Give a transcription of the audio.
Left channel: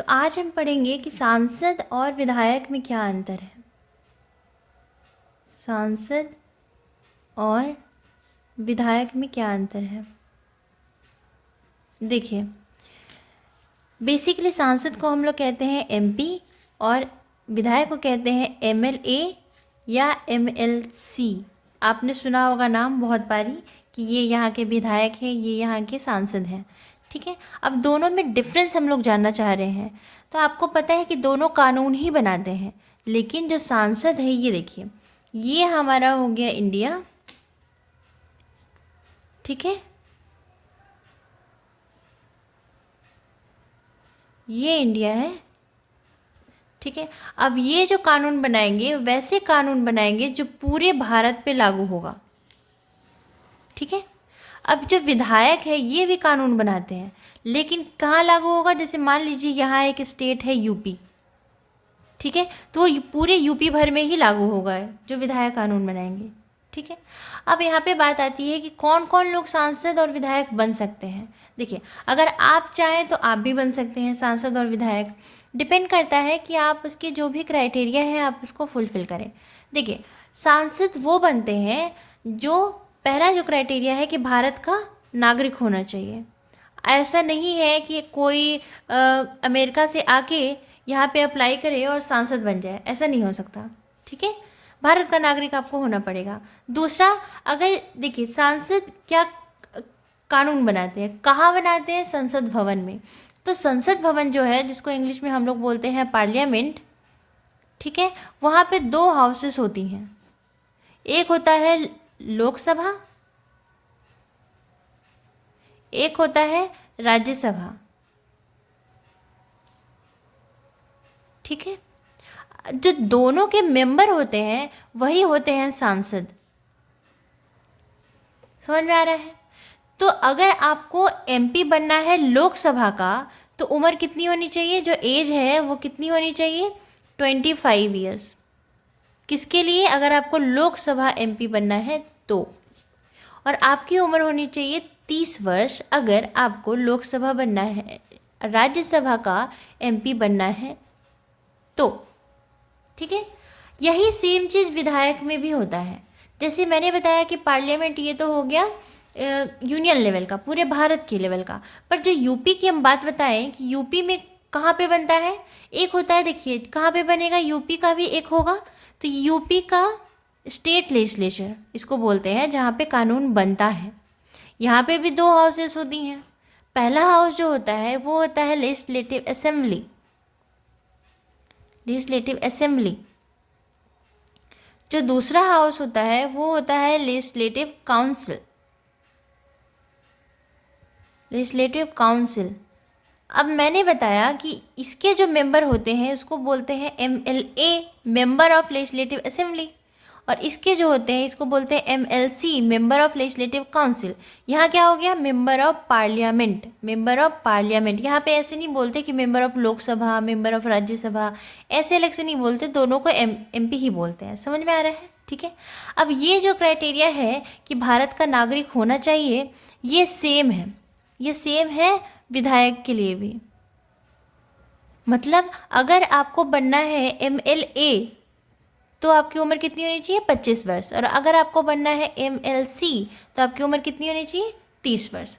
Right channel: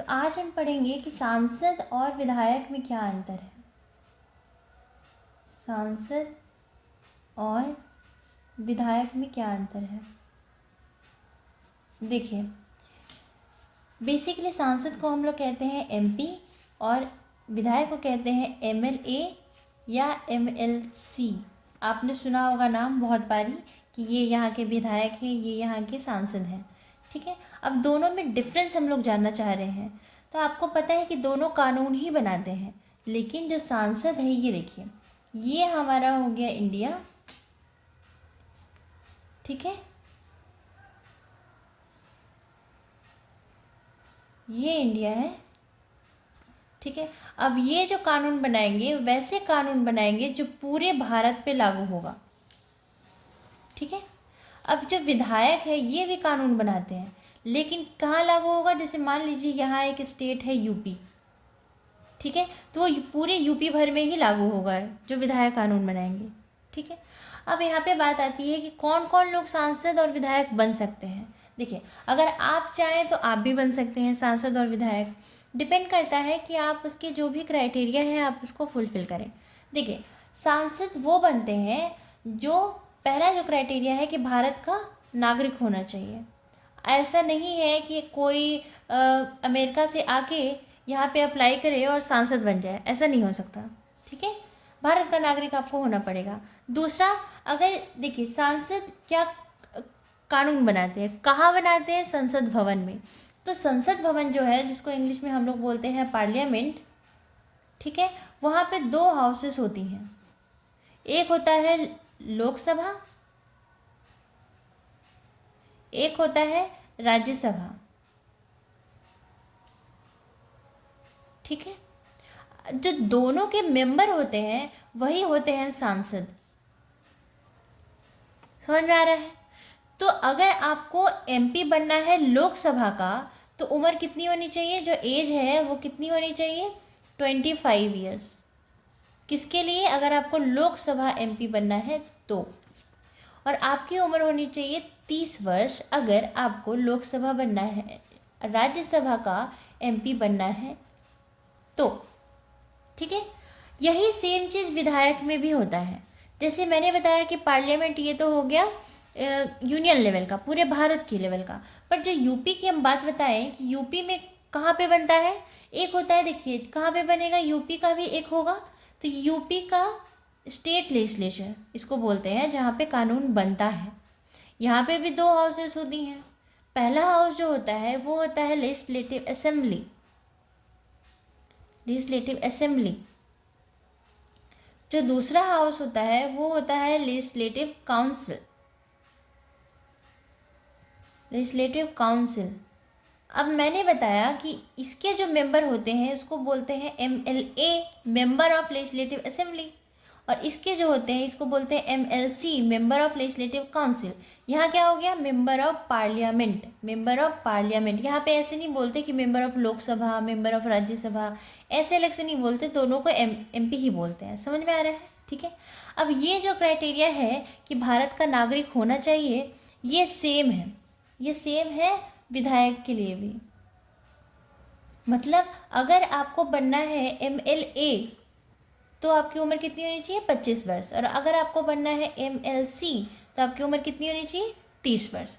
तो आज हम पढ़ेंगे कि सांसद और विधायक में क्या अंतर है। सांसद और विधायक में क्या अंतर है। देखिए, बेसिकली सांसद को हम लोग कहते हैं एमपी और विधायक को कहते हैं एमएलए या एमएलसी। आपने सुना होगा नाम बहुत बारी कि ये यहाँ के विधायक हैं, ये यहाँ के सांसद हैं। ठीक है, अब दोनों में डिफरेंस हम लोग जानना चाह रहे हैं। तो आपको पता है कि दोनों कानून ही बनाते हैं, लेकिन जो सांसद है ये देखिए, ये हमारा हो गया इंडिया। ठीक है, ये इंडिया है। ठीक है, अब ये जो कानून बनाएंगे वैसे कानून बनाएंगे जो पूरे भारत पे लागू होगा। ठीक है, अब जो विधायक है ये भी कानून बनाते हैं, लेकिन कहाँ लागू होगा। जैसे मान लीजिए यहाँ एक स्टेट है यूपी। ठीक है, तो वो पूरे यूपी भर में ही लागू होगा जो विधायक कानून बनाएंगे। ठीक है, अब यहाँ पे बात आती है कि कौन कौन लोग सांसद और विधायक बन सकते हैं। देखिए, अगर आप चाहें तो आप भी बन सकते हैं सांसद और विधायक। डिपेंड करता है कि आप उसके जो भी क्राइटेरिया है आप उसको फुलफ़िल करें। देखिए, सांसद वो बनते हैं जो पहला जो क्राइटेरिया है कि भारत का नागरिक होना चाहिए। ऐसा नहीं है कि कोई अमेरिका से आके यहाँ पे अप्लाई करे और सांसद बन जाए, ऐसा नहीं हो सकता। ठीक है, भारत का नागरिक आपको होना पड़ेगा। दूसरा, अगर देखिए सांसद क्या कानून बनाते हैं, कहाँ बनाते हैं, संसद भवन में। तो संसद भवन जो है, जिसको इंग्लिश में हम लोग बोलते हैं पार्लियामेंट, ठीक है, वहाँ पे दो हाउसेस होती हैं। एक होता है लोकसभा, एक होता है राज्यसभा। ठीक है, जो दोनों के मेंबर होते हैं वही होते हैं सांसद। समझ में आ रहा है। तो अगर आपको एमपी बनना है लोकसभा का, तो उम्र कितनी होनी चाहिए, जो एज है वो कितनी होनी चाहिए, 25 ईयर्स। किसके लिए, अगर आपको लोकसभा एमपी बनना है तो। और आपकी उम्र होनी चाहिए 30 वर्ष अगर आपको लोकसभा बनना है, राज्यसभा का एमपी बनना है तो। ठीक है, यही सेम चीज़ विधायक में भी होता है। जैसे मैंने बताया कि पार्लियामेंट ये तो हो गया यूनियन लेवल का, पूरे भारत के लेवल का। पर जो यूपी की हम बात बताएं कि यूपी में कहाँ पे बनता है, एक होता है, देखिए कहाँ पे बनेगा, यूपी का भी एक होगा। तो यूपी का स्टेट लेजिस्लेचर इसको बोलते हैं, जहाँ पे कानून बनता है। यहाँ पे भी दो हाउसेस होती हैं। पहला हाउस जो होता है वो होता है लेजिस्लेटिव असेंबली। Legislative assembly. जो दूसरा हाउस होता है वो होता है लेजिस्लेटिव काउंसिल। Legislative council. अब मैंने बताया कि इसके जो मेंबर होते हैं उसको बोलते हैं MLA, member of legislative assembly. और इसके जो होते हैं इसको बोलते हैं MLC, member of legislative council. यहाँ क्या हो गया, member of parliament. Member of parliament, यहाँ पे ऐसे नहीं बोलते कि member of Lok Sabha, member of Rajya Sabha, ऐसे अलग से नहीं बोलते, दोनों को एमपी ही बोलते हैं। समझ में आ रहा है। ठीक है, अब ये जो क्राइटेरिया है कि भारत का नागरिक होना चाहिए, ये सेम है। ये सेम है विधायक के लिए भी। मतलब अगर आपको बनना है एमएलए तो आपकी उम्र कितनी होनी चाहिए, 25 वर्ष। और अगर आपको बनना है एमएलसी तो आपकी उम्र कितनी होनी चाहिए, 30 वर्ष।